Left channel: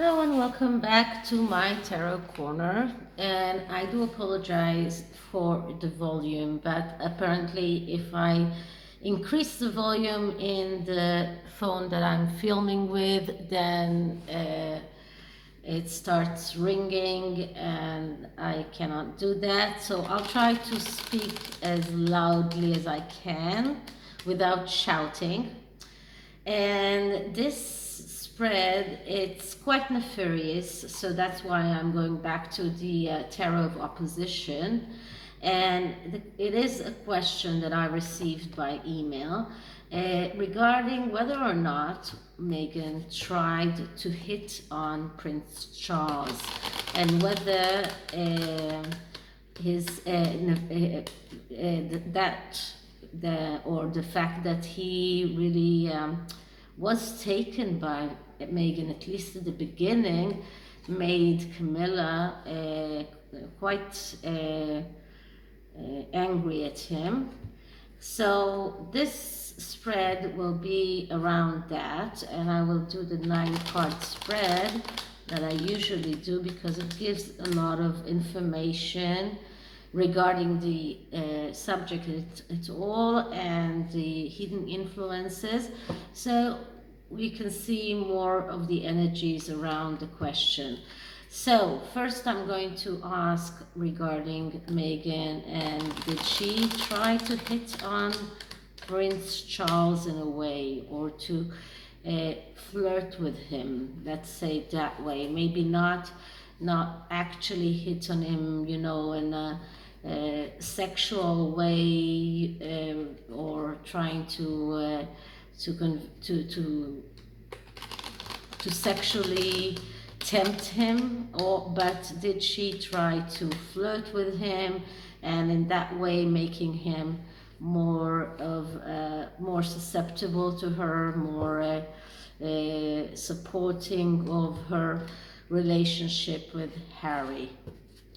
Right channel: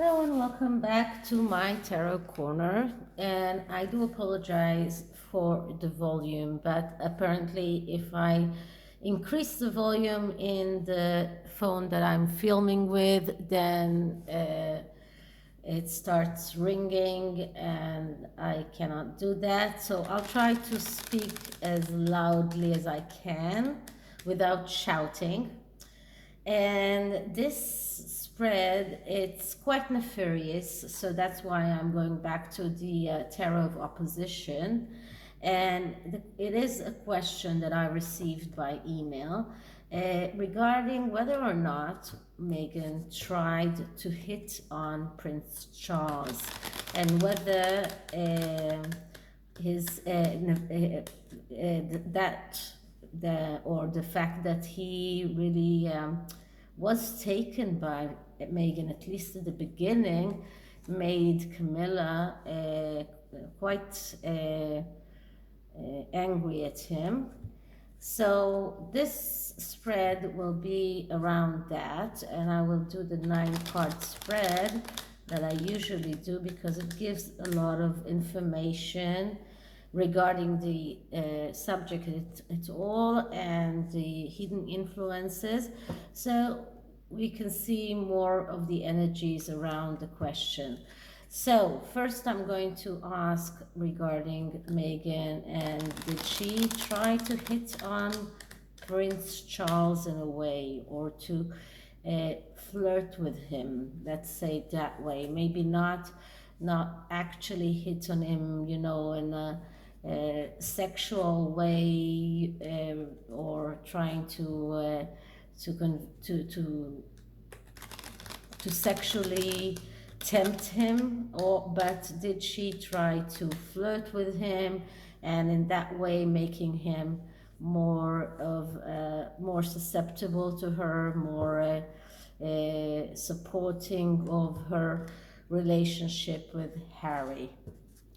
Hello and welcome back to my tarot corner. And I do apologize for the volume, but apparently, if I increase the volume in the phone that I'm filming with, then it starts ringing and I cannot do that. So I'll try to speak as loudly as I can without shouting. And this spread, it's quite nefarious, so that's why I'm going back to the tarot of opposition. And it is a question that I received by email regarding whether or not Meghan tried to hit on Prince Charles, and whether his that the fact that he really was taken by Meghan, at least at the beginning, made Camilla quite angry at him. So this spread will be around that, and I will do the 9-card spread that I usually do because it gives a lot of information regarding the subject at all and the hidden influences, so we can see more of the energies around the question. So first I'm going to ask regarding Meghan, and did she try to hit on Prince Charles in a way, or to flirt with him, let's say it that way, maybe not actually hit on him, in a sexual way, or trying to sexually tempt him, but did she try to flirt with him, and in that way making him more susceptible to her, more supporting of her relationship with Harry?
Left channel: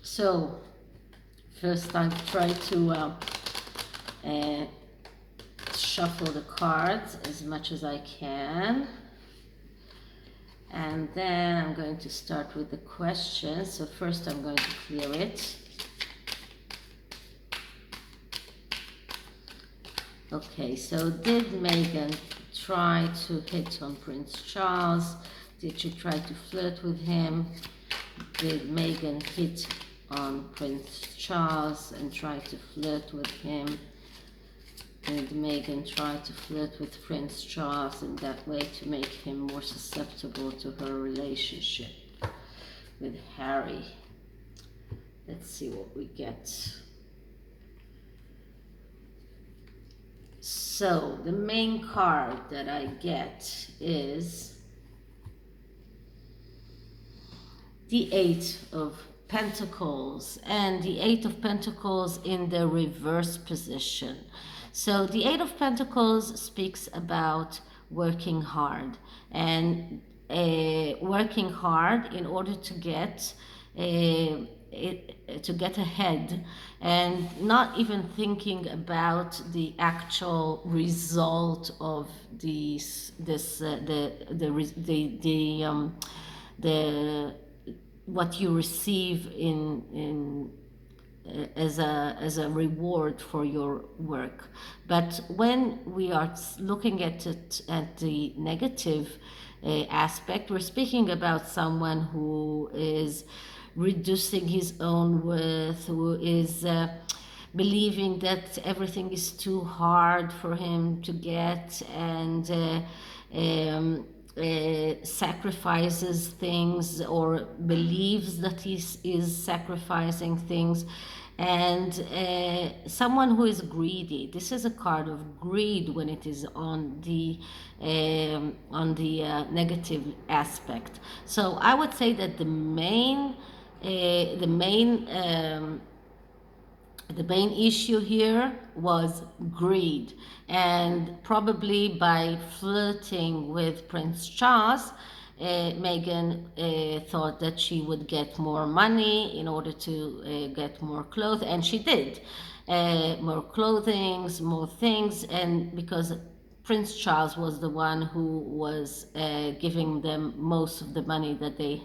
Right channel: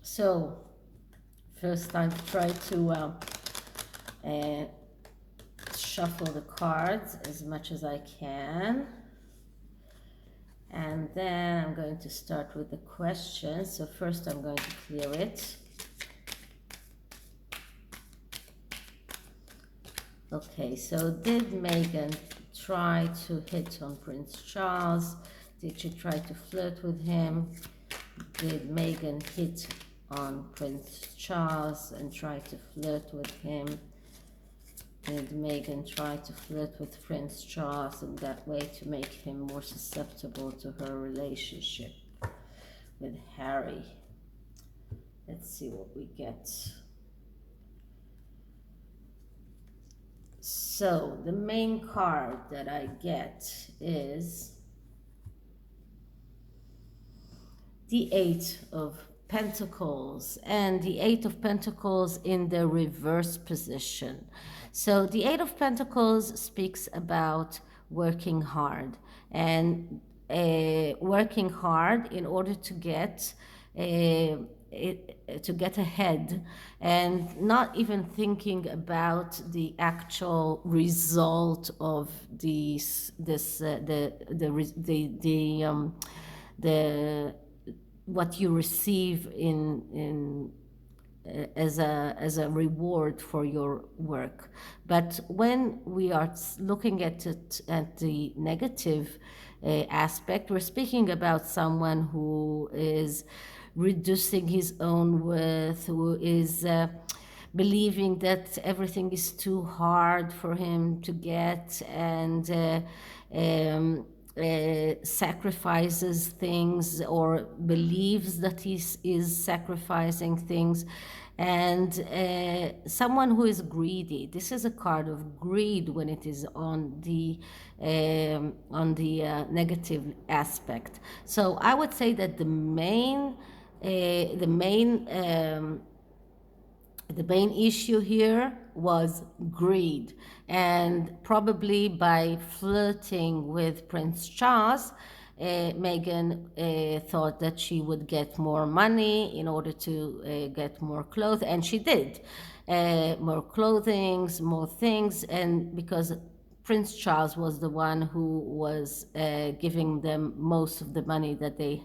So first I try to shuffle the cards as much as I can, and then I'm going to start with the questions. So first I'm going to clear it. Okay, so did Meghan try to hit on Prince Charles? Did she try to flirt with him? Did Meghan hit on Prince Charles and try to flirt with him? Did Meghan try to flirt with Prince Charles in that way to make him more susceptible to her relationship with Harry? Let's see what we get. So the main card that I get is the 8 of Pentacles, and the 8 of Pentacles in the reverse position. So the 8 of Pentacles speaks about working hard, and working hard in order to get ahead, and not even thinking about the actual result of the what you receive in as a reward for your work. But when we are looking at it at the negative aspect, we're speaking about someone who is reducing his own worth, who is believing that everything is too hard for him to get, and sacrifices things, or believes that he is sacrificing things, and someone who is greedy. This is a card of greed when it is on the negative aspect. So I would say that the main issue here was greed, and probably by flirting with Prince Charles, Meghan thought that she would get more money in order to get more clothes, and she did. More clothing, more things, and because Prince Charles was the one who was giving them most of the money that they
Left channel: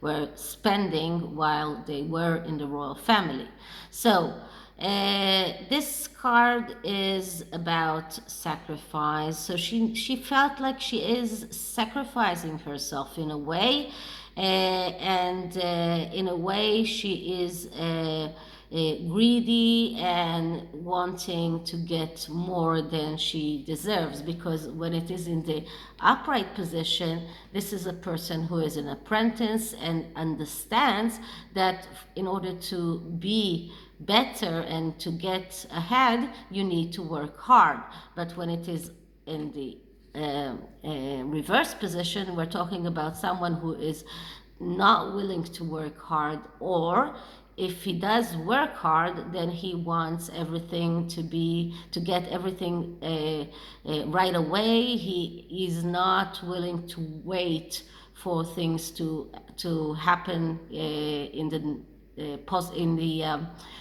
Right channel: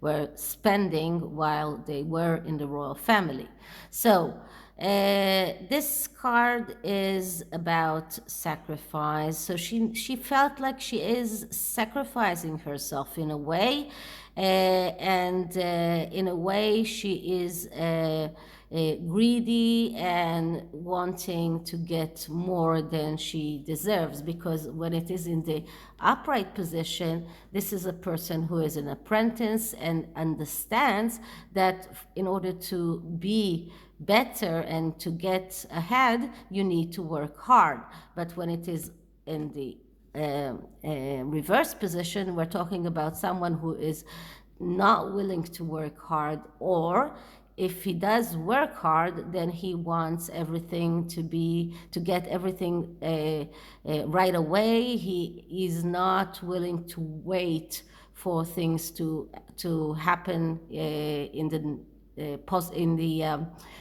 were spending while they were in the royal family. So, this card is about sacrifice. So she felt like she is sacrificing herself in a way, and in a way she is greedy and wanting to get more than she deserves, because when it is in the upright position, this is a person who is an apprentice and understands that in order to be better and to get ahead, you need to work hard. But when it is in the reverse position, we're talking about someone who is not willing to work hard, or if he does work hard, then he wants everything to get everything right away. He is not willing to wait for things to happen in the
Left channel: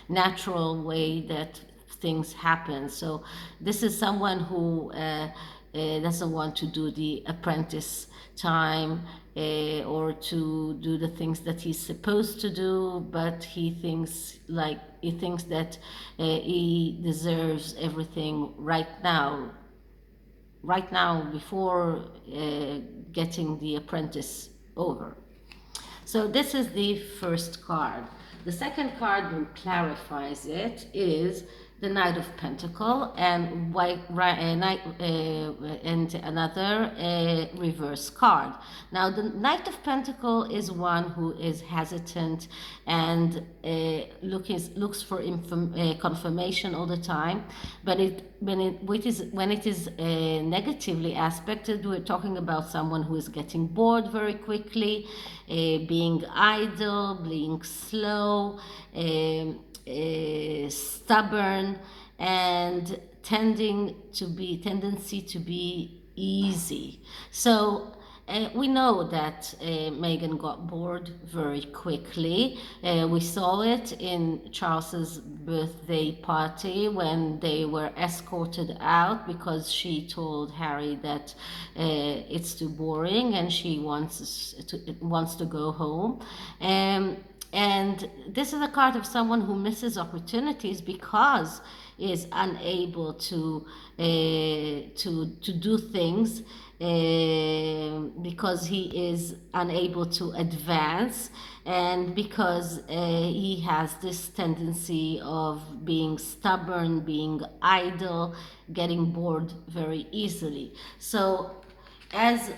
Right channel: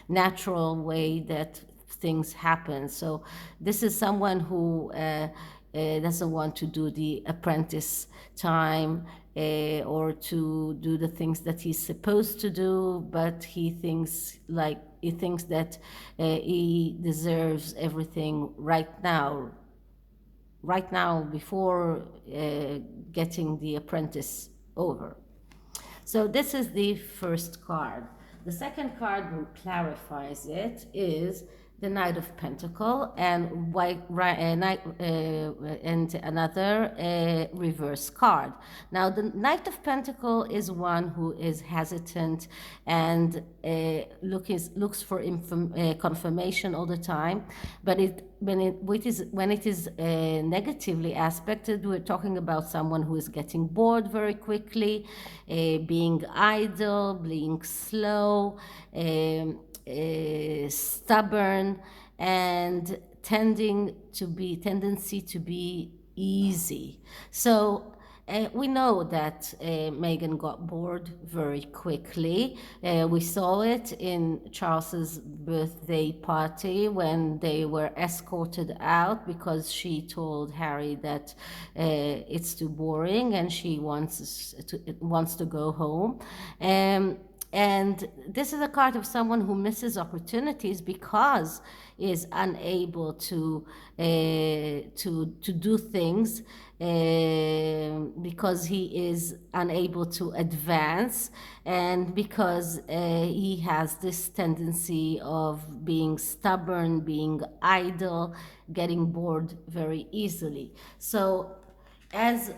natural way that things happen. So this is someone who doesn't want to do the apprentice time or to do the things that he's supposed to do, but he thinks that he deserves everything right now before getting the apprentice over. So this is the first card. The second card, that clarifies it, is the Knight of Pentacle and and another reverse card. Now, the Knight of Pentacle is one who is hesitant and looks for confirmation all the time. But when it is negatively aspected, we're talking about someone who is getting bored very quickly, being idle, being slow, stubborn, and tendency to be easy. So we know that Meghan got bored very quickly. We saw it in Charles's birthday party when they were escorted out because she told Harry that it's too boring and she wants to go home. And this is a card of someone who misses opportunities because is unable to do things, because he is unable to advance, and because he has this tendency of being stubborn, being idle, getting bored very easily. So as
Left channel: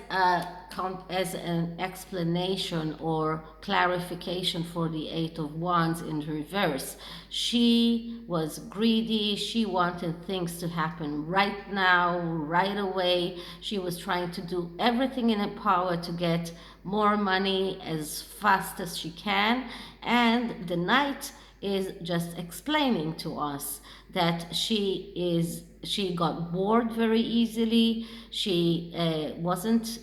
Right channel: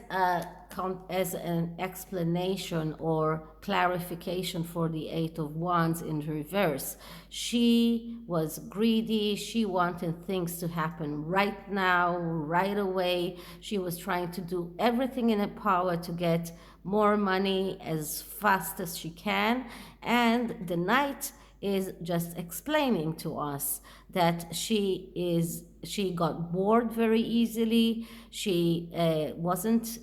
an explanation or clarification for the Eight of Wands in reverse, she was greedy. She wanted things to happen right now, right away. She was trying to do everything in her power to get more money as fast as she can. And the Knight is just explaining to us that she got bored very easily. She wasn't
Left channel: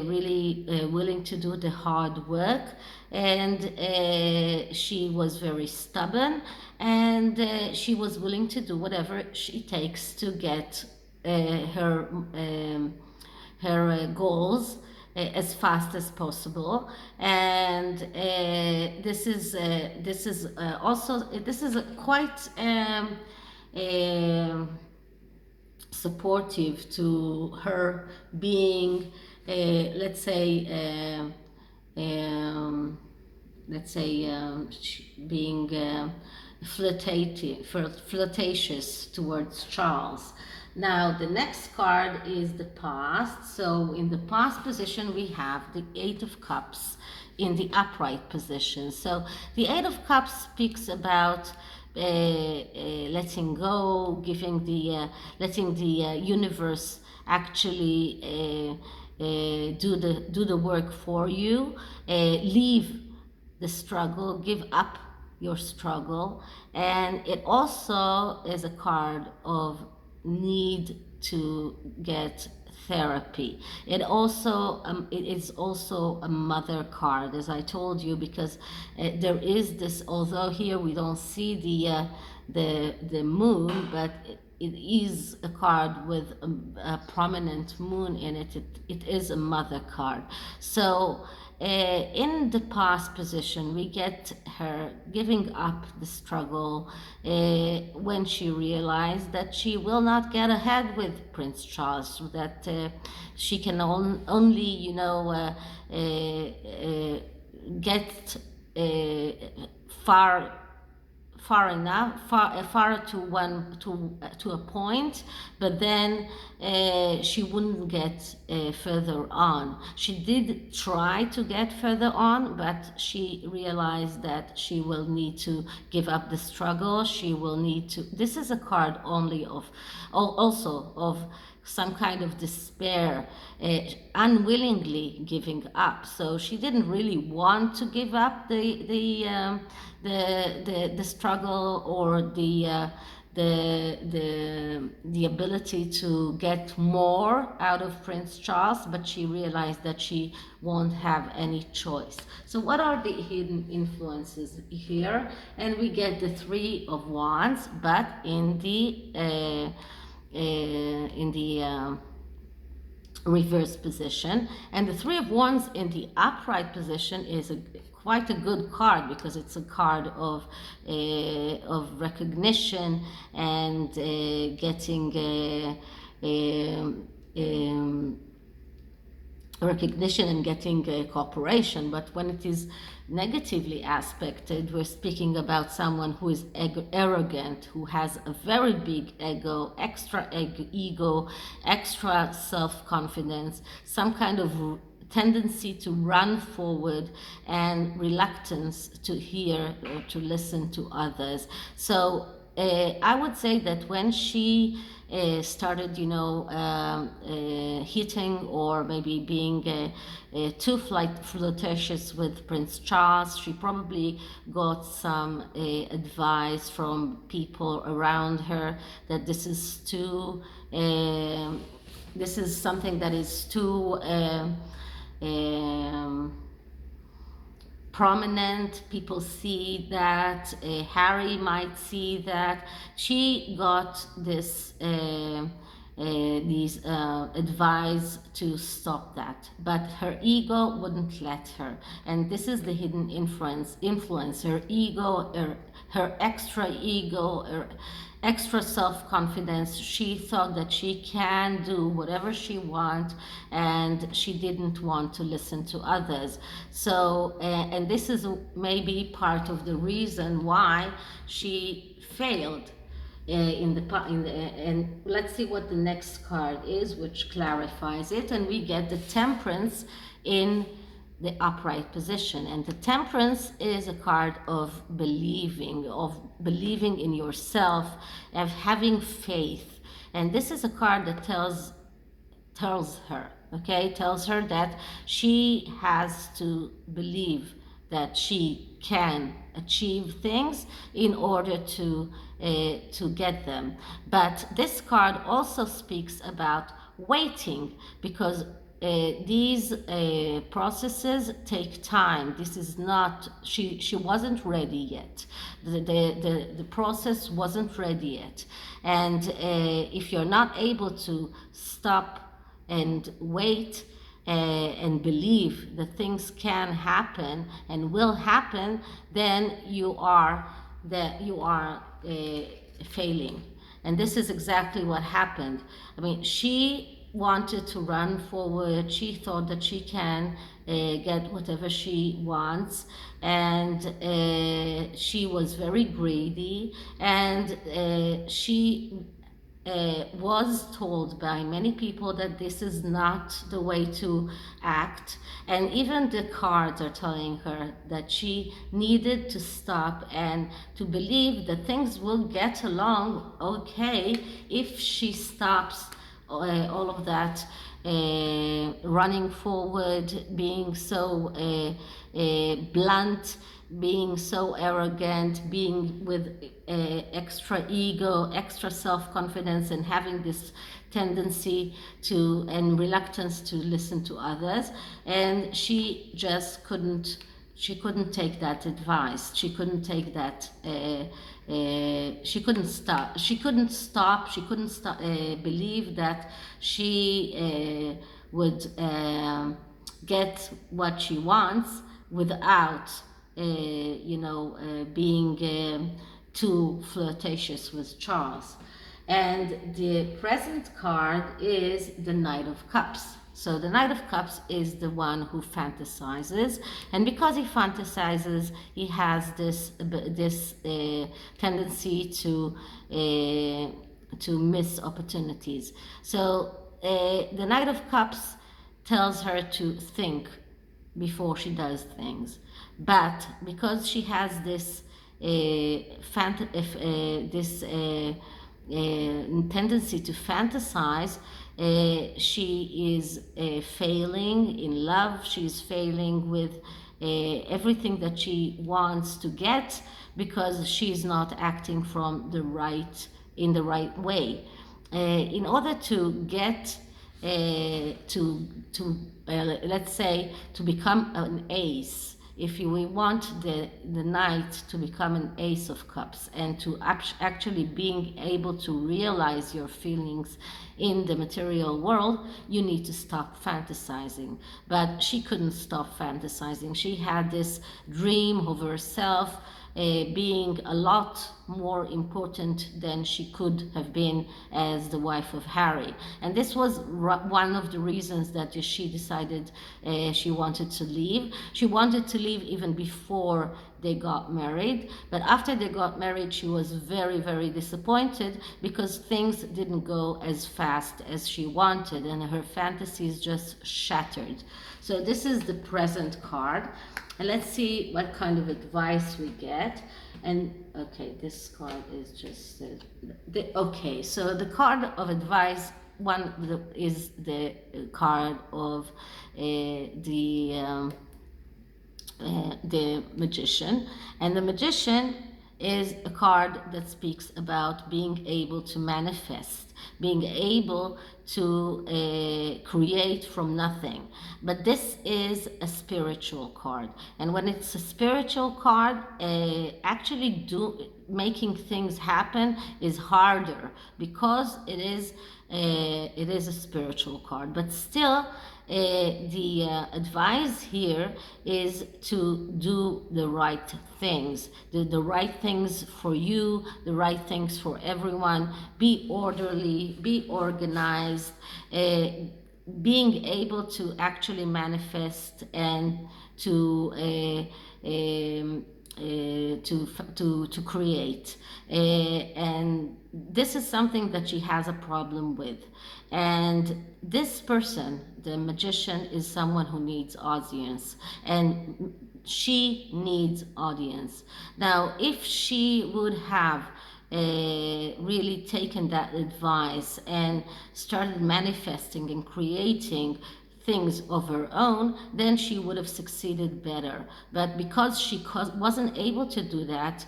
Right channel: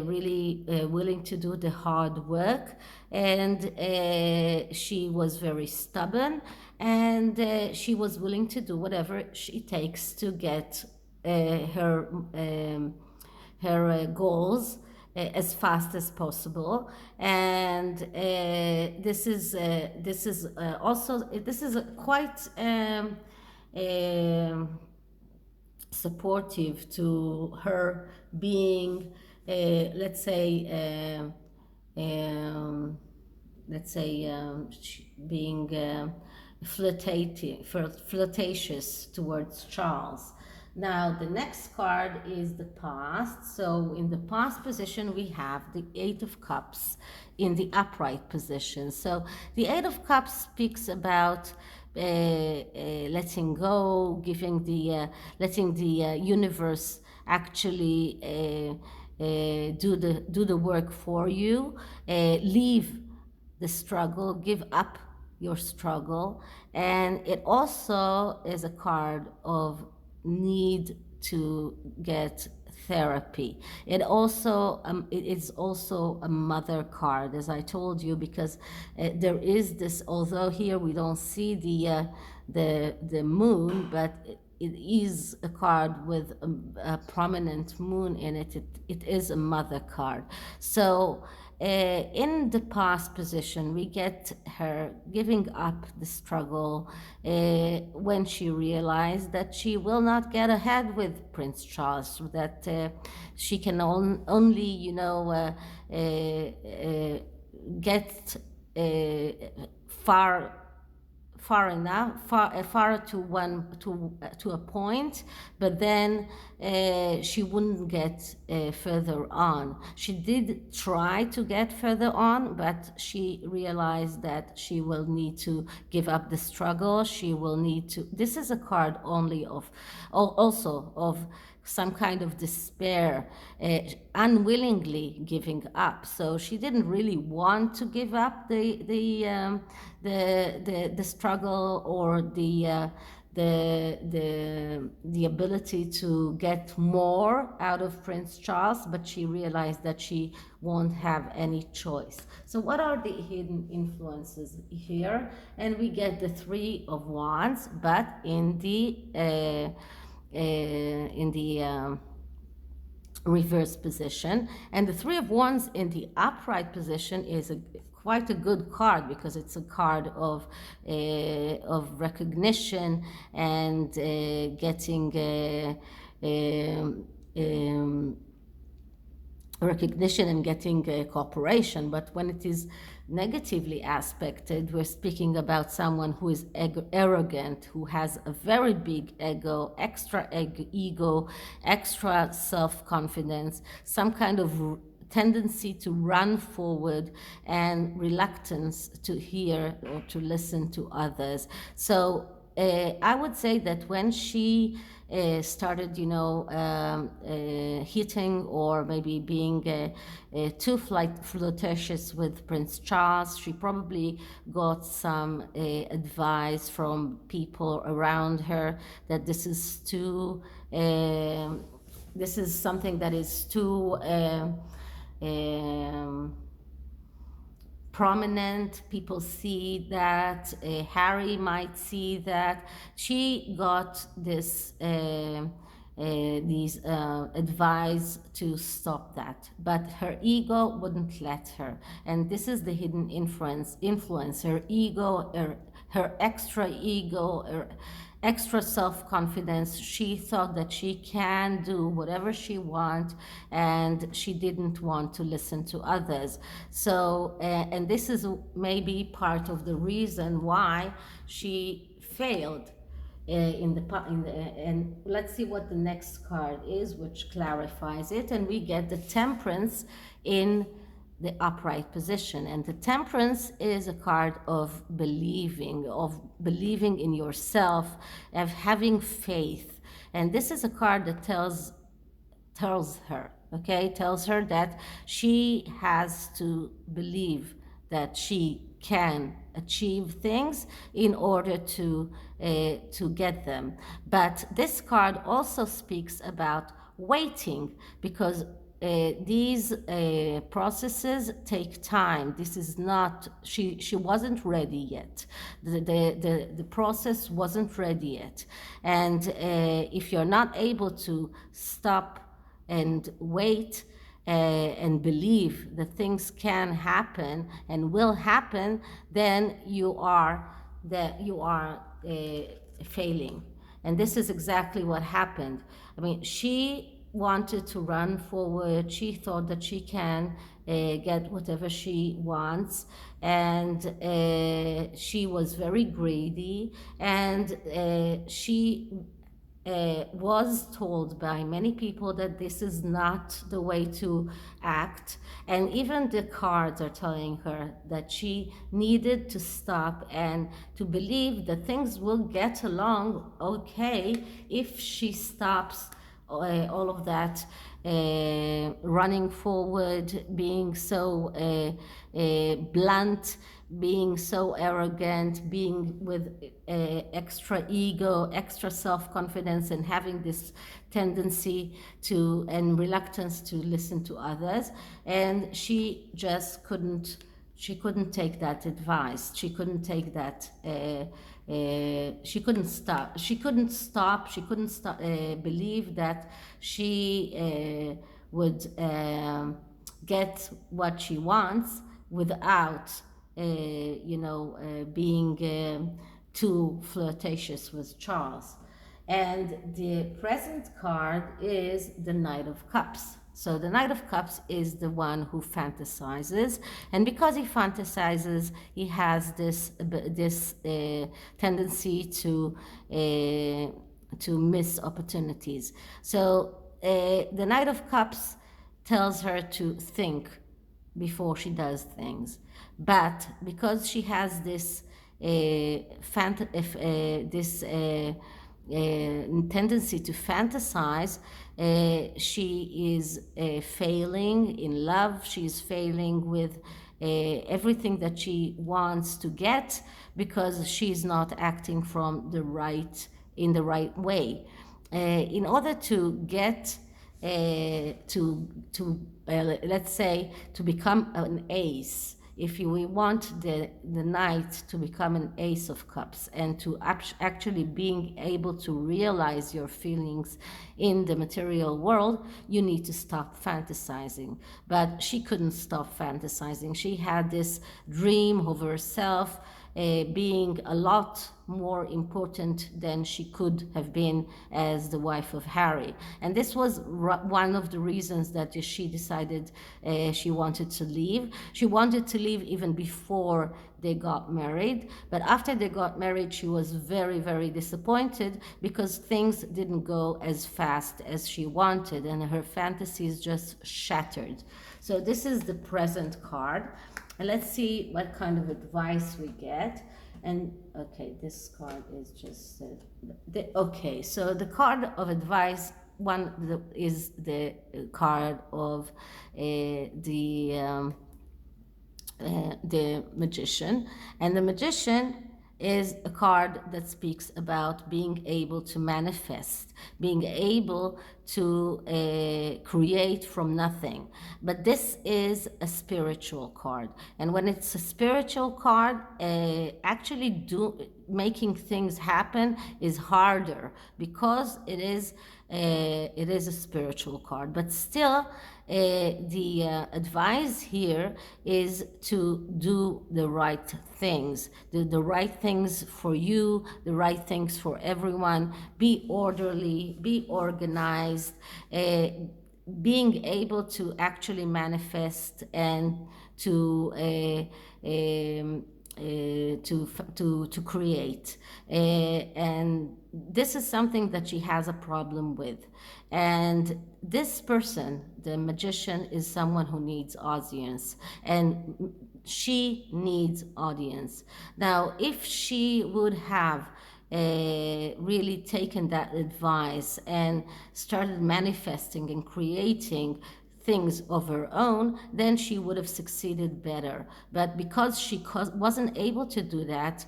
really willing to do the hard work, and she was very stubborn, and she was willing to do whatever she takes to get her goals as fast as possible. And this is quite supportive to her being being flirtatious towards Charles. Now, the next card is the past. So in the past position, we have the Eight of Cups in the upright position. So the Eight of Cups speaks about letting go, letting the universe actually do the work for you. Leave the struggle, give up your struggle. And it also is a card of need to get therapy. It is also a mother card, as I told you, because there is this, although here we don't see the moon, but it is a card with a prominent moon in it. It is a mother card. So in the past position, we get her giving up the struggle when she realized that she will not get ahead with Prince Charles, that she can only, get far far enough, far to a point, but then she wouldn't get further on. She did try to get further on, but she realized that she will need to give up the struggle. She will need to. This is a card only of, also of some kind of despair, unwillingly giving up. So she didn't really want to give up the struggle or the ability to get more out of Prince Charles, but she realized that she won't have any choice. So what are the hidden influences here? And we get the Three of Wands, but in the reverse position, and the Three of Wands in the upright position is quite a good card, because it's a card of recognition and getting recognition and getting cooperation. But when it is negatively aspected, we're speaking about someone who is arrogant, who has a very big ego, extra ego, extra self-confidence, some kind of tendency to run forward, and reluctance to hear or to listen to others. So I would say that when she started, hitting or maybe being too flirtatious with Prince Charles, she probably got some advice from people around her that this is too, this is something that is too prominent. People see that, Harry might see that. She got this these advice to stop that, but her ego wouldn't let her. And this is the hidden influence, her ego, her extra ego, her extra self-confidence. She thought that she can do whatever she wants, and she didn't want to listen to others. So and this is maybe part of the reason why she failed and let's see what the next card is, which clarifies it. And we get the Temperance in the upright position, and the Temperance is a card of believing in yourself, of having faith. And this is a card that tells her that she has to believe that she can achieve things in order to get them. But this card also speaks about waiting, because these processes take time. This is not, she wasn't ready yet. The process wasn't ready yet. And if you're not able to stop and wait and believe that things can happen and will happen, then you are failing. And this is exactly what happened. I mean, she wanted to run forward. She thought that she can get whatever she wants, and she was very greedy, and she was told by many people that this is not the way to act. And even the cards are telling her that she needed to stop and to believe that things will get along okay if she stops all of that running forward, being so blunt, being so arrogant, being with extra ego, extra self-confidence, and having this tendency to and reluctance to listen to others. And she just couldn't take that advice. She couldn't take that she couldn't stop. She couldn't stop. She couldn't stop, believe that she would get what she wants without, being too flirtatious with Charles. And the present card is the Knight of Cups. So the Knight of Cups is the one who fantasizes, and because he fantasizes, he has this tendency to miss opportunities. So the Knight of Cups tells her to think before she does things, but because she has this tendency to fantasize, she is failing in love. She's failing with everything that she wants to get because she's not acting in the right way. In order to get let's say, to become an ace, if we want the knight to become an ace of cups and to actually being able to realize your feelings in the material world, you need to stop fantasizing. But she couldn't stop fantasizing. She had this dream of herself being a lot more important than she could have been as the wife of Harry. And this was one of the reasons that she decided she wanted to leave. She wanted to leave even before they got married, but after they got married, she was very, very disappointed because things didn't go as fast as she wanted and her fantasies just shattered. So this is the present card. And let's see what kind of advice we get. And okay, this card is just okay. So the card of advice is the card of the magician, and the magician is a card that speaks about being able to manifest, being able to create from nothing. But this is a spiritual card, and when it's a spiritual card, actually making things happen is harder because it is a spiritual card. But still, the advice here is to do the right things, the right things for you, the right things for everyone. Be orderly, be organized, being able to actually manifest and to create, and this is something that she has a problem with. And this person, the magician, is someone who needs audience, and she needs audience. Now, if she would have really taken that advice and started manifesting and creating things of her own, then she would have succeeded better. But because she wasn't able to do that,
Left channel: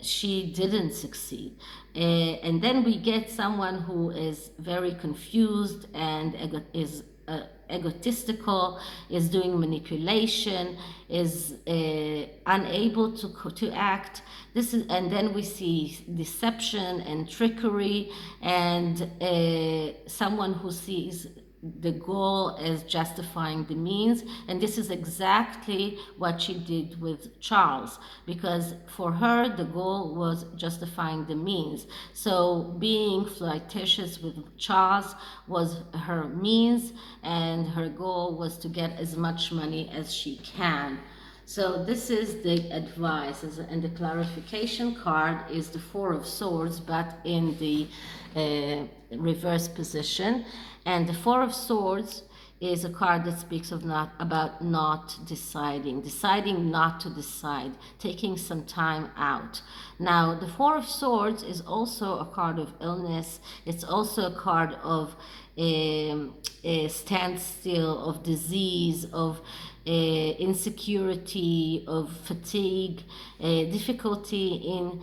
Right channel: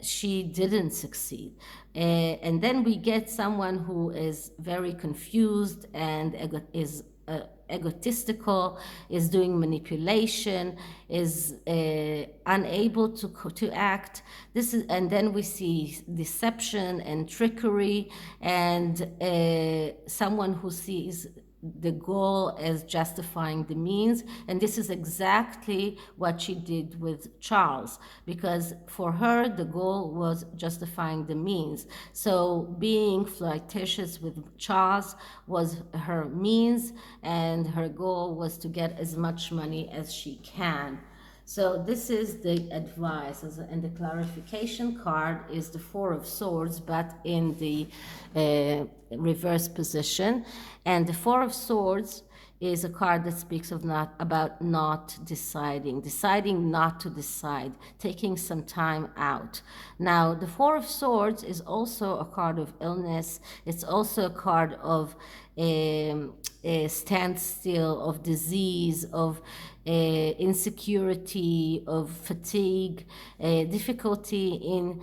she didn't succeed. And then we get someone who is very confused and is egotistical, is doing manipulation, is unable to act. And then we see deception and trickery, and someone who sees the goal as justifying the means. And this is exactly what she did with Charles, because for her the goal was justifying the means. So being flirtatious with Charles was her means, and her goal was to get as much money as she can. So this is the advice, and the clarification card is the Four of Swords, but in the reverse position. And the Four of Swords is a card that speaks about not deciding not to decide, taking some time out. Now, the Four of Swords is also a card of illness. It's also a card of a standstill, of disease, of insecurity, of fatigue, difficulty in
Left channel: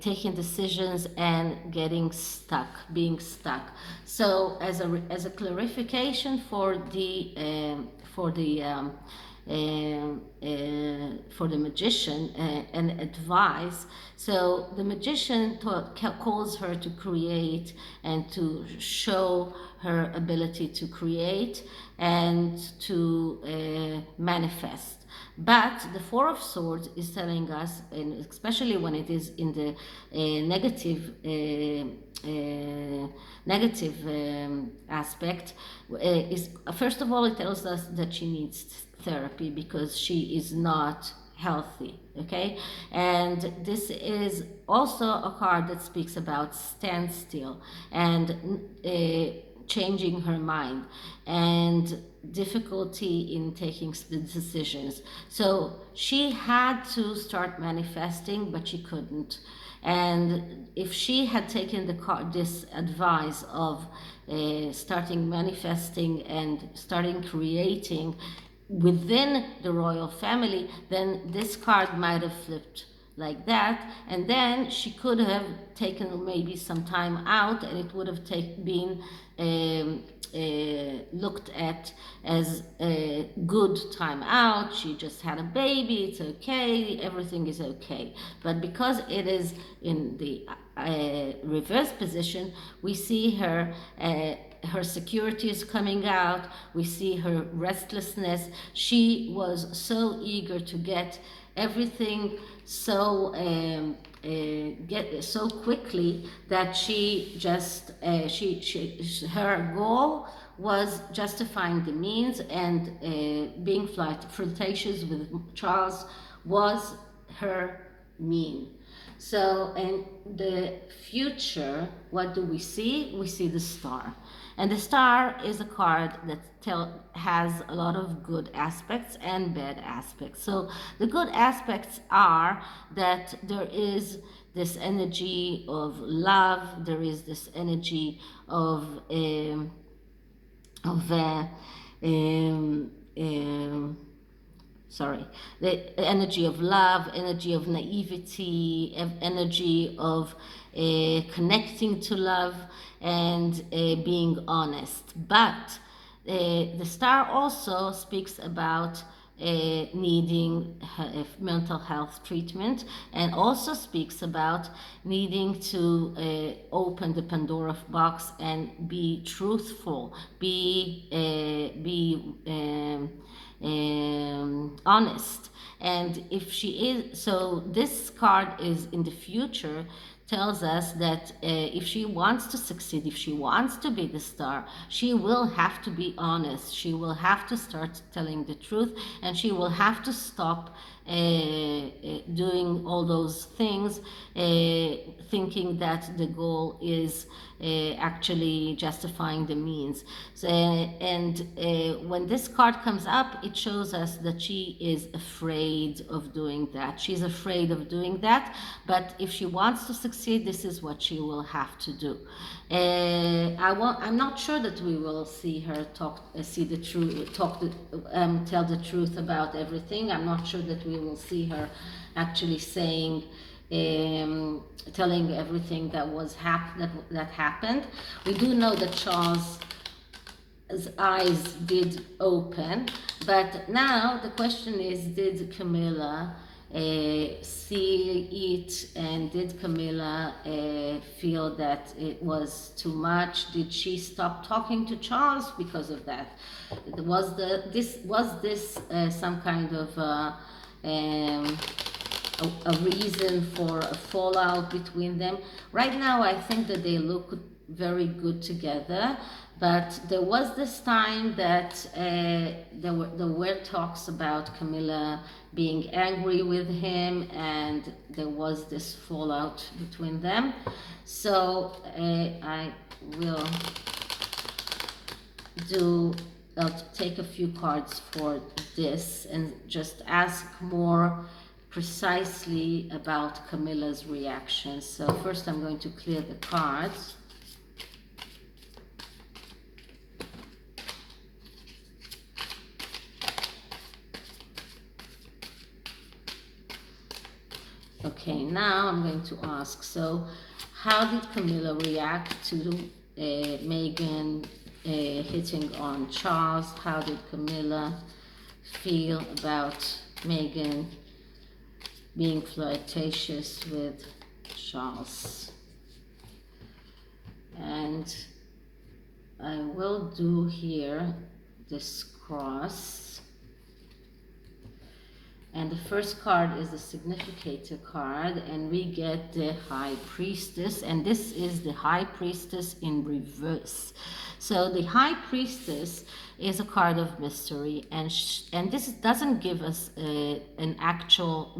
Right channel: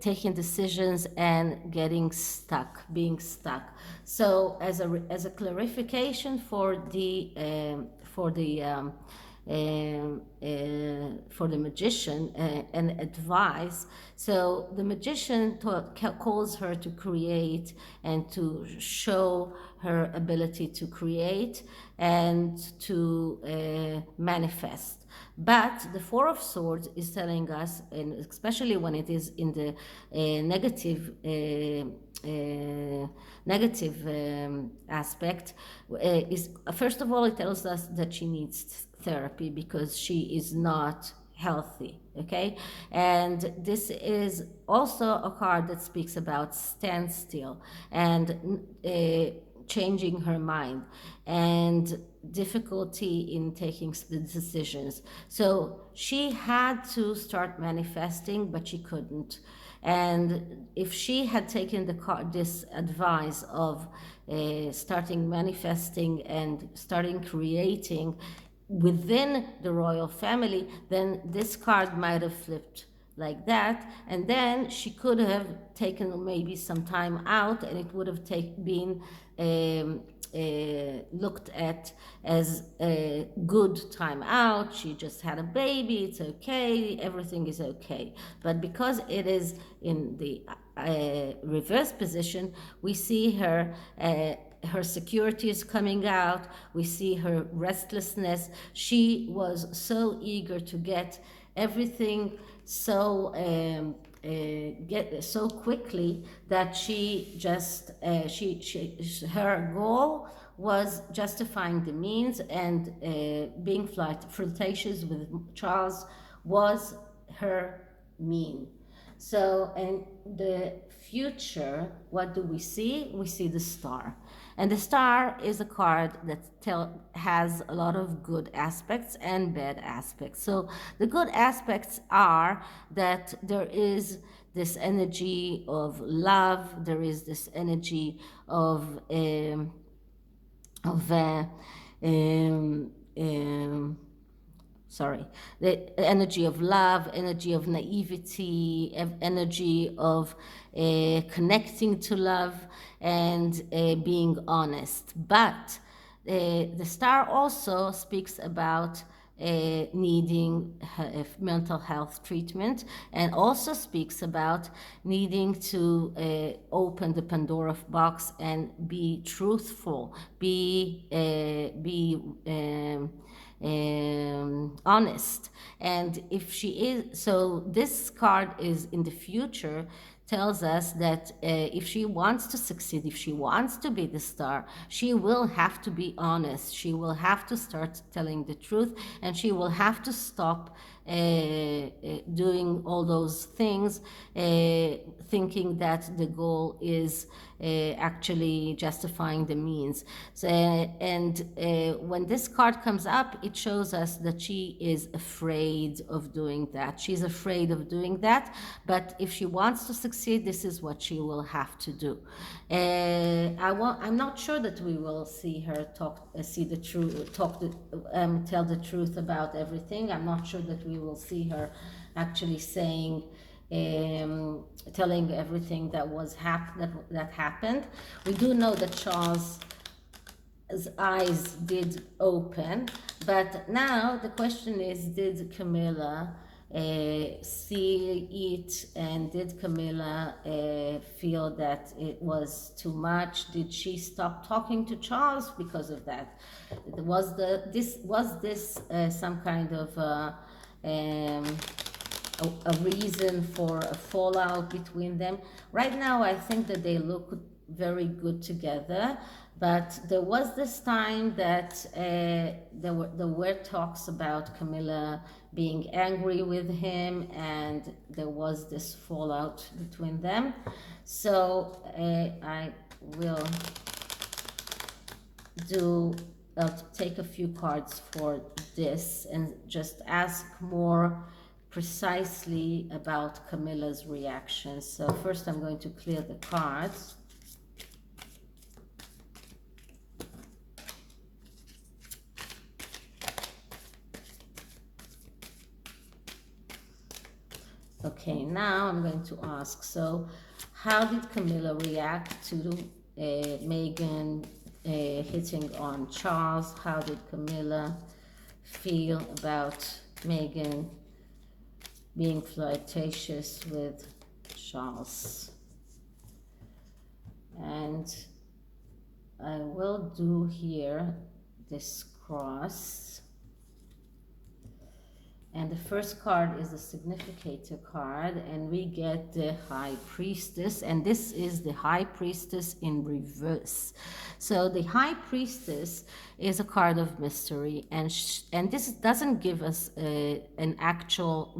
taking decisions and being stuck. So as a clarification for the for the magician and advice. So the magician calls her to create and to show her ability to create and to manifest. But the Four of Swords is telling us, and especially when it is in the negative aspect, is first of all it tells us that she needs therapy because she is not healthy. Okay, and this is also a card that speaks about standstill and changing her mind and difficulty in taking the decisions. So she had to start manifesting, but she couldn't. And if she had taken this advice of starting manifesting and starting creating within the royal family, then this card might have flipped like that, and then she could have taken maybe some time out, and it would have been looked at as a good time out. She just had a baby, it's okay, everything is okay. But because it is in the reverse position, we see her security is coming out, we see her restlessness. She was so eager to get everything so get so quickly that she just her goal was justifying the means, and being flirtatious with Charles was her mean. So in the future, what do we see? We see the Star. And the Star is a card that has a lot of good aspects and bad aspects. So the good aspects are that there is this energy of love, there is this energy of the energy of love, energy of naivety, energy of connecting to love and being honest. But the Star also speaks about needing mental health treatment, and also speaks about needing to open the Pandora box and be truthful, be honest. And if she is, so this card is in the future, tells us that if she wants to succeed, if she wants to be the Star, she will have to be honest. She will have to start telling the truth, and she will have to stop doing all those things, thinking that the goal is actually justifying the means. So, and when this card comes up, it shows us that she is afraid of doing that. She's afraid of doing that, but if she wants to succeed, this is what she will have to do. I'm not sure that we will see her see the truth, tell the truth about everything. I'm not sure that we will see her actually saying, telling everything that was that happened. We do know that Charles' eyes did open, but now the question is, did Camilla see it, and did Camilla feel that it was too much? Did she stop talking to Charles because of that? Was this some kind of a reason for a fallout between them? Right now, I think that they look very good together, but there was this time that there were talks about Camilla being angry with him, and there was this fallout between them. So I will take a few cards for this and just ask more precisely about Camilla's reaction. So first I'm going to clear the cards. Okay, now I'm going to ask, so how did Camilla react to Meghan hitting on Charles? How did Camilla feel about Meghan being flirtatious with Charles. And I will do here this cross. And the first card is the significator card, and we get the High Priestess, and this is the High Priestess in reverse. So the High Priestess is a card of mystery, and this doesn't give us an actual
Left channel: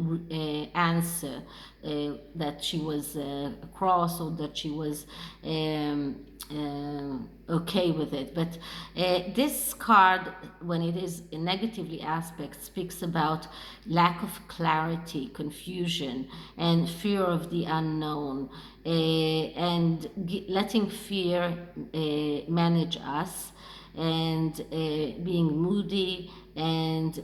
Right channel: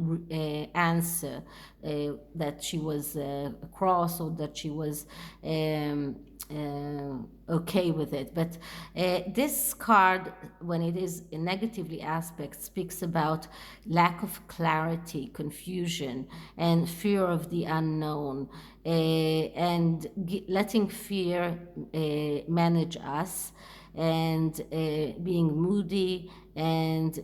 answer that she was cross or that she was okay with it. But this card, when it is in negatively aspect, speaks about lack of clarity, confusion, and fear of the unknown, and letting fear manage us, and being moody and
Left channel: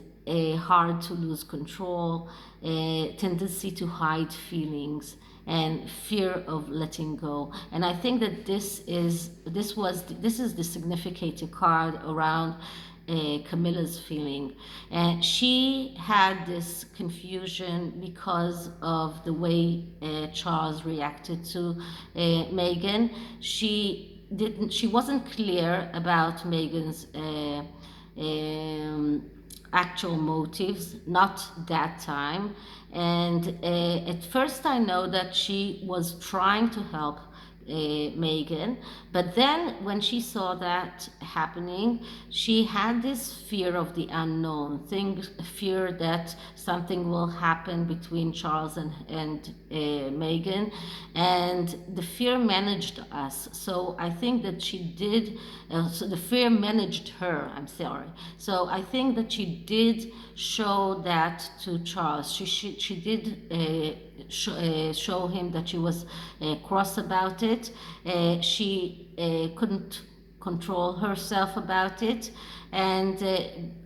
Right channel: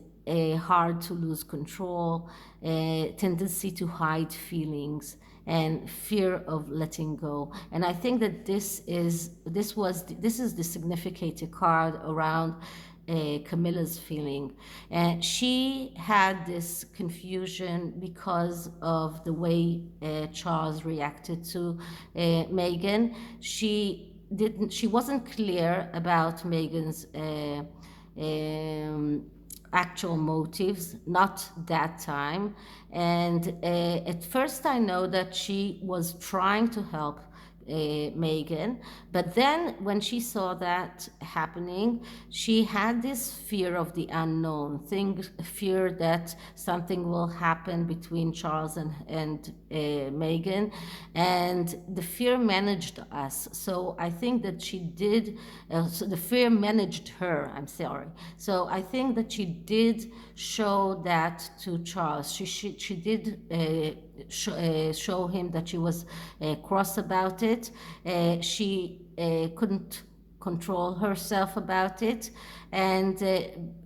hard to lose control, tendency to hide feelings, and fear of letting go. And I think that this is the significator card around Camilla's feeling. And she had this confusion because of the way Charles reacted to Meghan. She wasn't clear about Meghan's actual motives, not that time. And at first I know that she was trying to help Meghan, but then when she saw that happening, she had this fear of the unknown, fear that something will happen between Charles and Meghan, and the fear managed us. So I think that she did, so the fear managed her, I'm sorry. So I think that she did show that to Charles. She did show him that she was cross about it. She couldn't control herself about it, and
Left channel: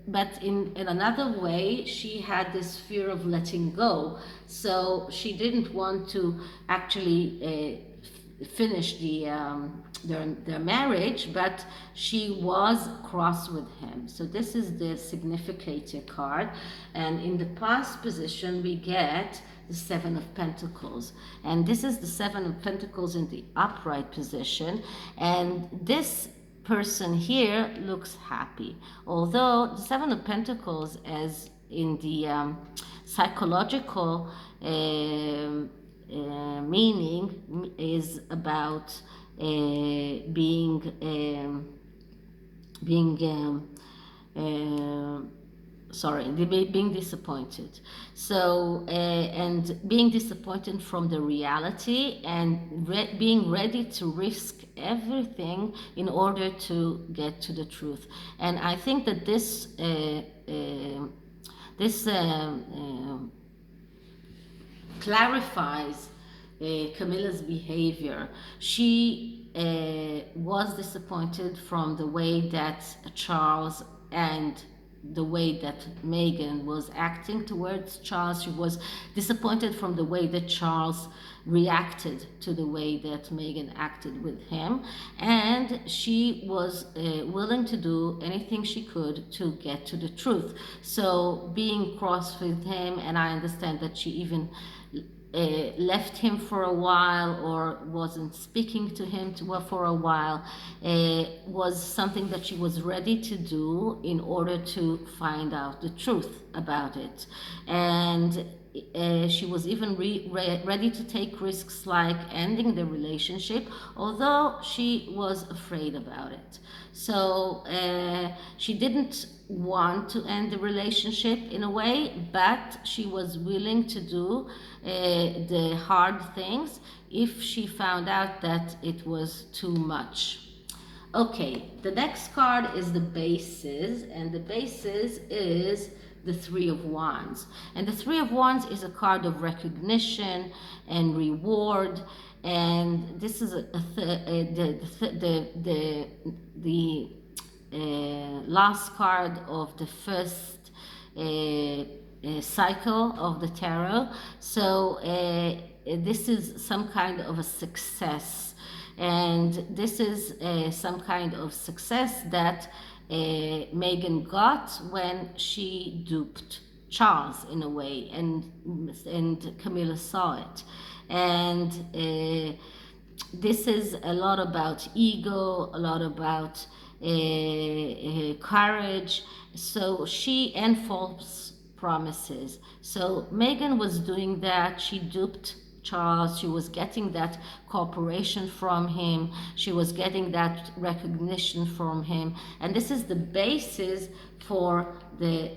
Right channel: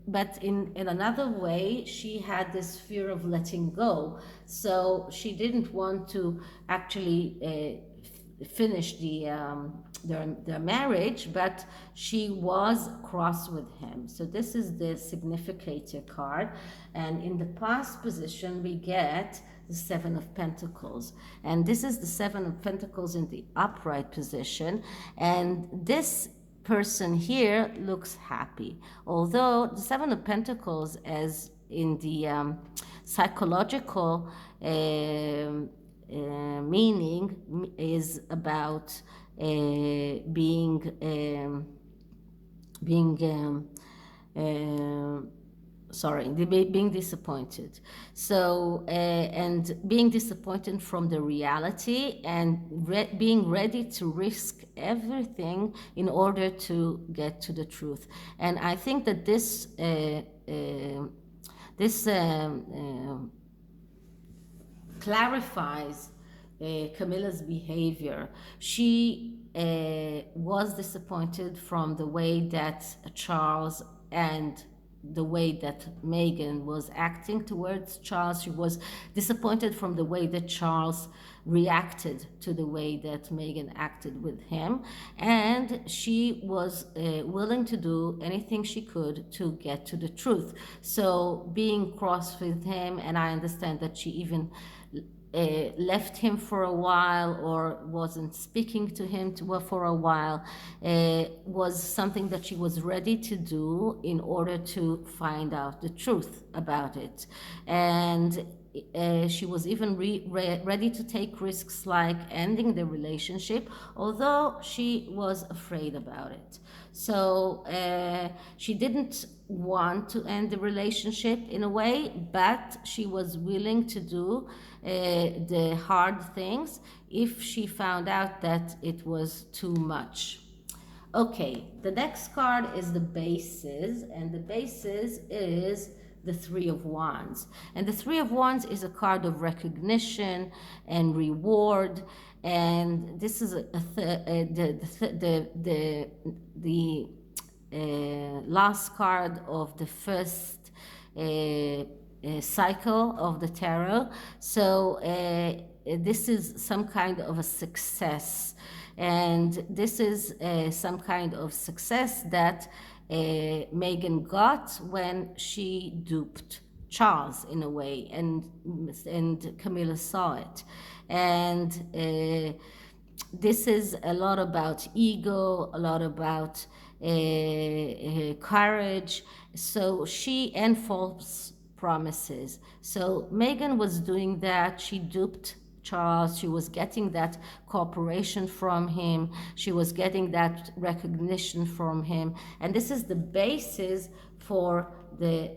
but in another way, she had this fear of letting go. So she didn't want to actually finish their marriage, but she was cross with him. So this is the significator card, and in the past position we get the Seven of Pentacles, and this is the Seven of Pentacles in the upright position, and this person here looks happy, although the Seven of Pentacles, as in the psychological meaning, is about being being disappointed. So and being disappointed from the reality, and being ready to risk everything in order to get to the truth. And I think that this clarifies Camilla's behavior. She was disappointed from the way that Charles and the way that Meghan was acting towards Charles. She was disappointed from the way that Charles reacted to the way that Meghan acted with him, and she was willing to do anything she could to get to the truth. So being cross with him, and I understand that she even left him for a while, or wasn't speaking to him for a while, was something that she was ready to do in order to find out the truth about it. And she was even ready to take risks like ending the relationship, although she was afraid about it. So she didn't want to end the relationship in a way, but she was willing to do the hard things if she found out that it was too much. Okay, the next card is the bases, and the bases is the Three of Wands. And the Three of Wands is a card of recognition and reward. And this is the last card of the first cycle of the tarot. So this is some kind of a success, and this is some kind of success that Meghan got when she duped Charles in a way, and Camilla saw it, and this is a lot about ego, a lot about courage. So she and false promises. So Meghan was doing that. She duped Charles. She was getting that cooperation from him. She was getting that recognition from him, and this is the basis for the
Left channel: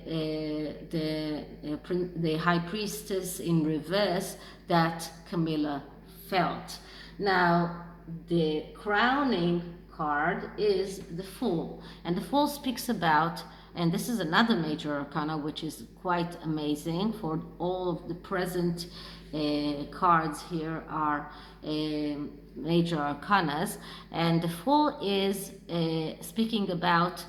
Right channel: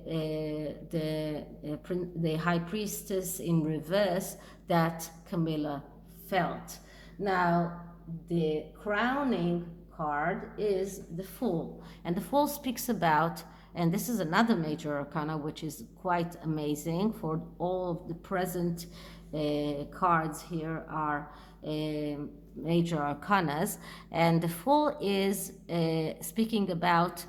high priestess in reverse that Camilla felt. Now, the crowning card is the Fool, and the Fool speaks about, and this is another major arcana which is quite amazing. For all of the present cards here are major arcanas, and the Fool is speaking about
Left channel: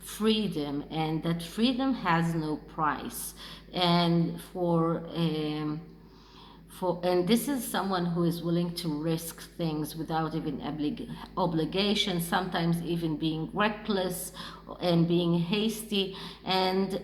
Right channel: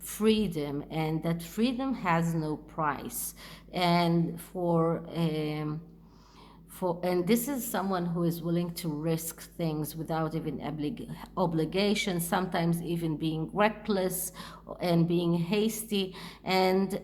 freedom, and that freedom has no price, and and this is someone who is willing to risk things without even obligation, sometimes even being reckless and being hasty. And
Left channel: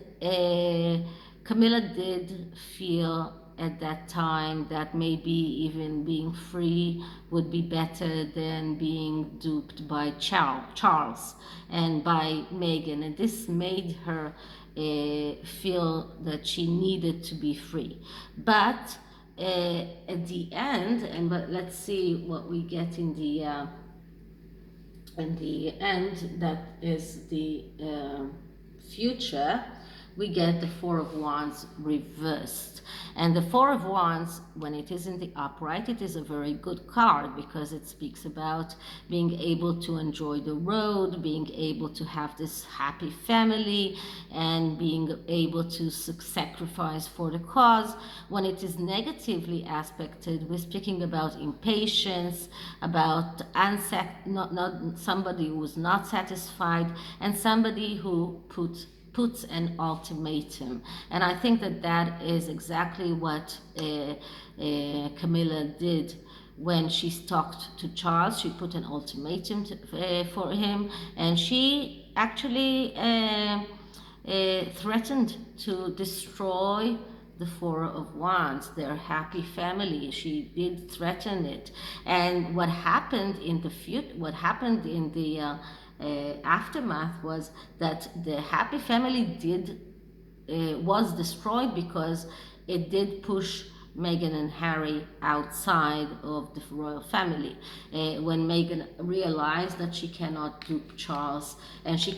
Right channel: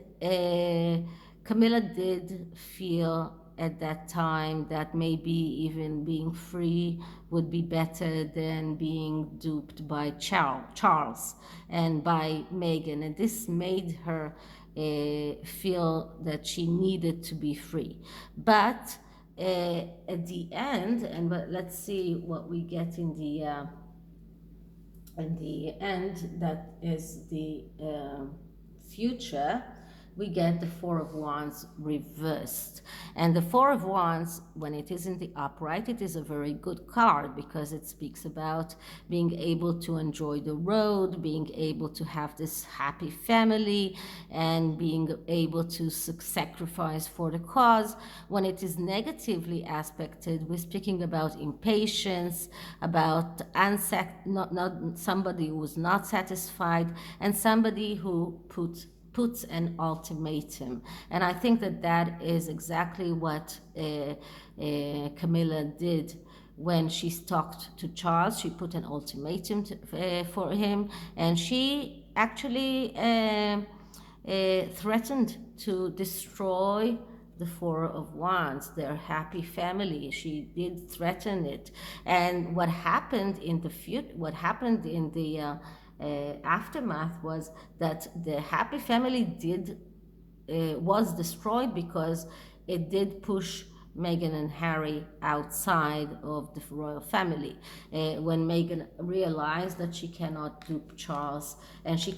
Camilla did feel at that time that maybe even being free would be better than being duped by Charles and by Meghan, and this made her feel that she needed to be free. But at the end, but let's see what we get in the end. That is the future. We get the Four of Wands reversed. And the Four of Wands, when it is in the upright, it is a very good card because it speaks about being able to enjoy the road, being able to have this happy family, and being able to sacrifice for the cause. When it is negatively aspected, we're speaking about impatience, about not somebody who is not satisfied, and somebody who puts an ultimatum. And I think that is exactly what Camilla did when she talked to Charles. She put an ultimatum for him, and she actually threatened to destroy the Four of Wands, their happy family. She did threaten it. And what happened in the aftermath was that the happy family was destroyed because it did push Meghan and Harry outside of the royal family. When Meghan realized that she cannot dupe Charles, and she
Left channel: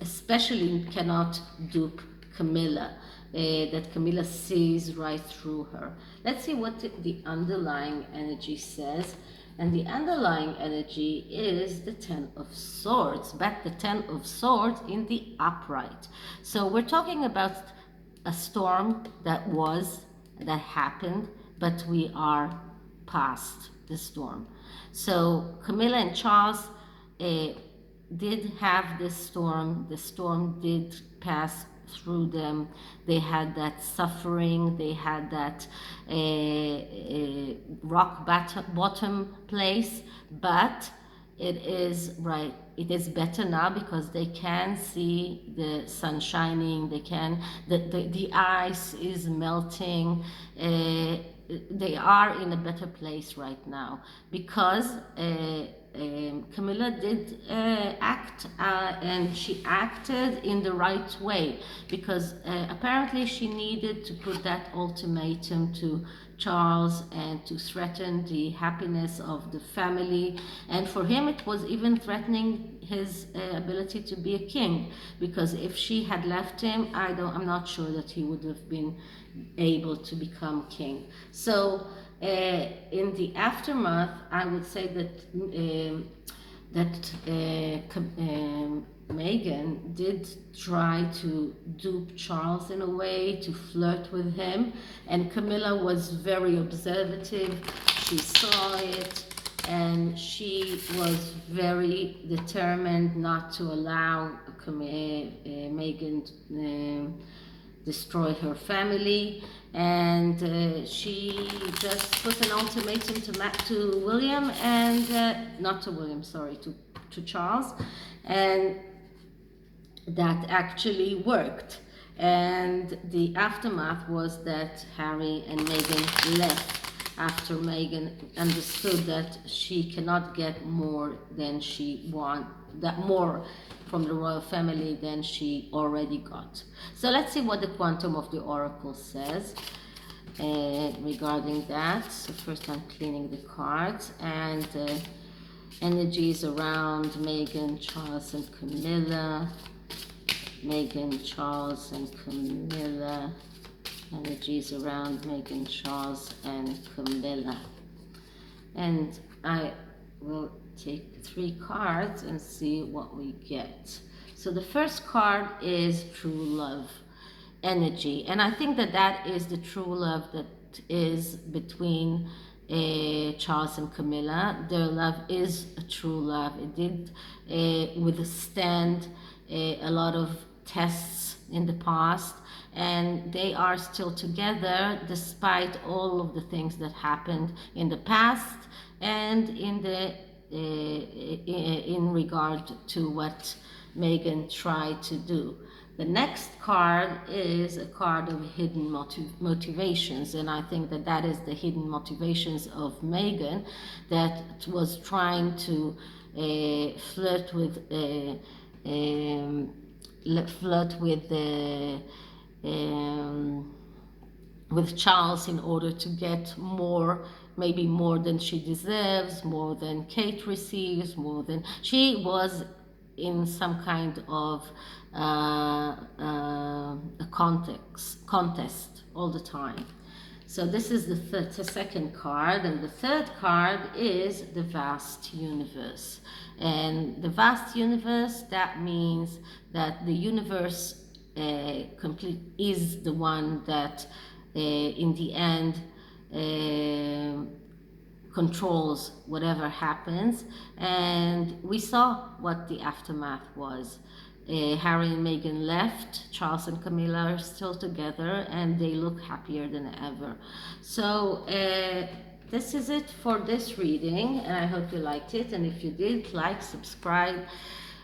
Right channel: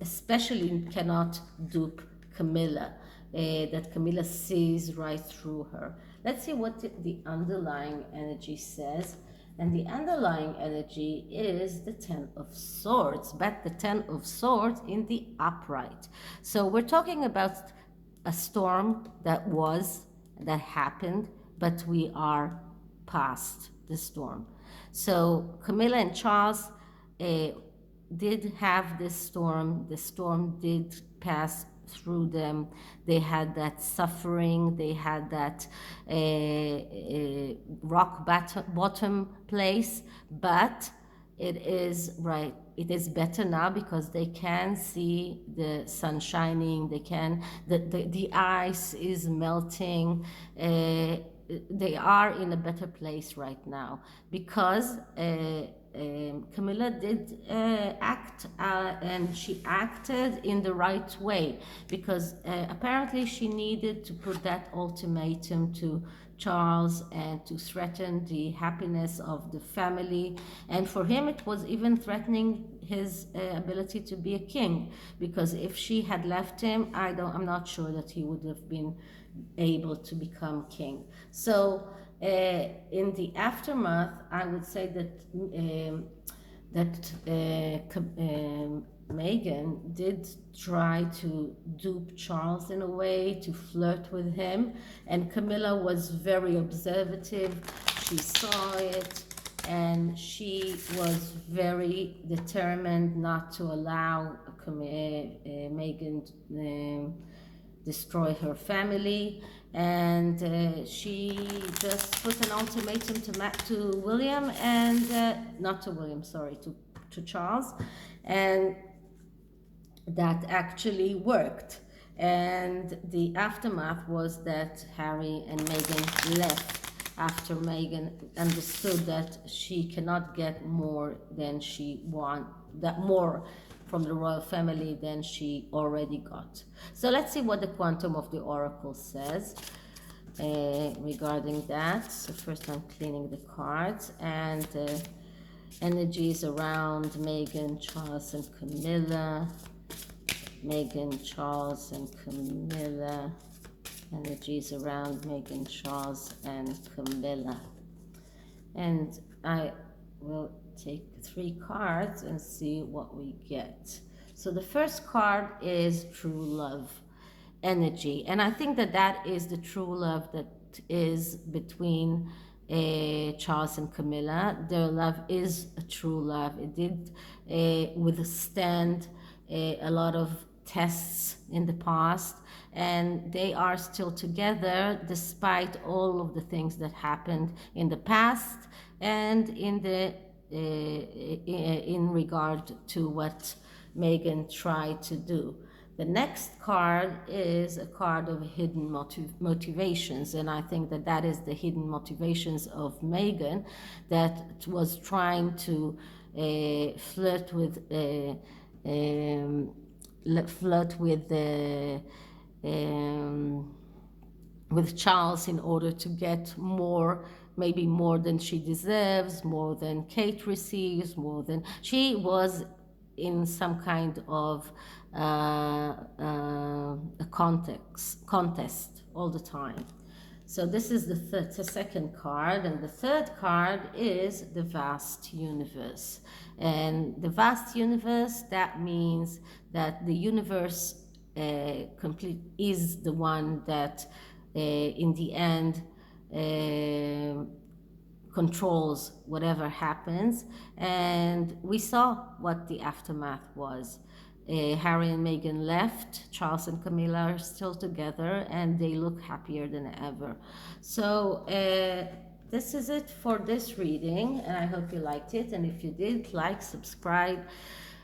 especially cannot dupe Camilla, that Camilla sees right through her. Let's see what the underlying energy says. And the underlying energy is the Ten of Swords, but the Ten of Swords in the upright. So we're talking about a storm that happened, but we are past the storm. So Camilla and Charles did have this storm. The storm did pass through them. They had that suffering, they had that rock bottom place, but it is better now because they can see the sun shining, the ice is melting. They are in a better place right now because Camilla did act, and she acted in the right way, because apparently she needed to put that ultimatum to Charles and to threaten the happiness of the family. And for him it was even threatening his ability to be a king, because if she had left him, I'm not sure that he would have been able to become king. So in the aftermath, I would say that Meghan did try to dupe Charles in a way, to flirt with him, and Camilla was very observative. She saw it, and she was very determined not to allow Meghan destroy her family. And she just put an ultimatum to William, and not to William, sorry, to Charles. And that actually worked. And the aftermath was that Harry and Meghan left after Meghan understood that she cannot get more than she want, that more from the royal family than she already got. So let's see what the quantum of the oracle says regarding that. So first I'm cleaning the cards, and energies around Meghan, Charles, and Camilla. Meghan, Charles, and Camilla. Energies around Meghan, Charles, and Camilla. And I will take 3 cards and see what we get. So the first card is true love energy, and I think that that is the true love that is between Charles and Camilla. Their love is a true love. It did withstand a lot of tests in the past, and they are still together despite all of the things that happened in the past and in regard to what Meghan tried to do. The next card is a card of hidden motivations, and I think that that is the hidden motivations of Meghan, that was trying to flirt with Charles in order to get more, maybe more than she deserves, more than Kate receives, more than she was in some kind of a contest all the time. So this is the second card, and the third card is the vast universe. And the vast universe, that means that the universe complete is the one that in the end controls whatever happens. And we saw what the aftermath was. Harry and Meghan left. Charles and Camilla are still together, and they look happier than ever. So this is it for this reading, and I hope you liked it. And if you did, like, subscribe,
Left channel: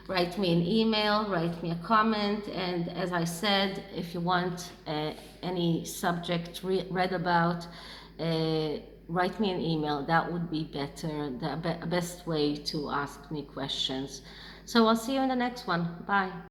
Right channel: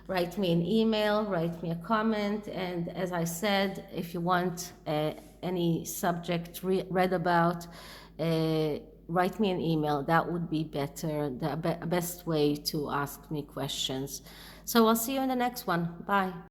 write me an email, write me a comment. And as I said, if you want any subject read about, write me an email. That would be better, the best way to ask me questions. So I'll see you in the next one. Bye.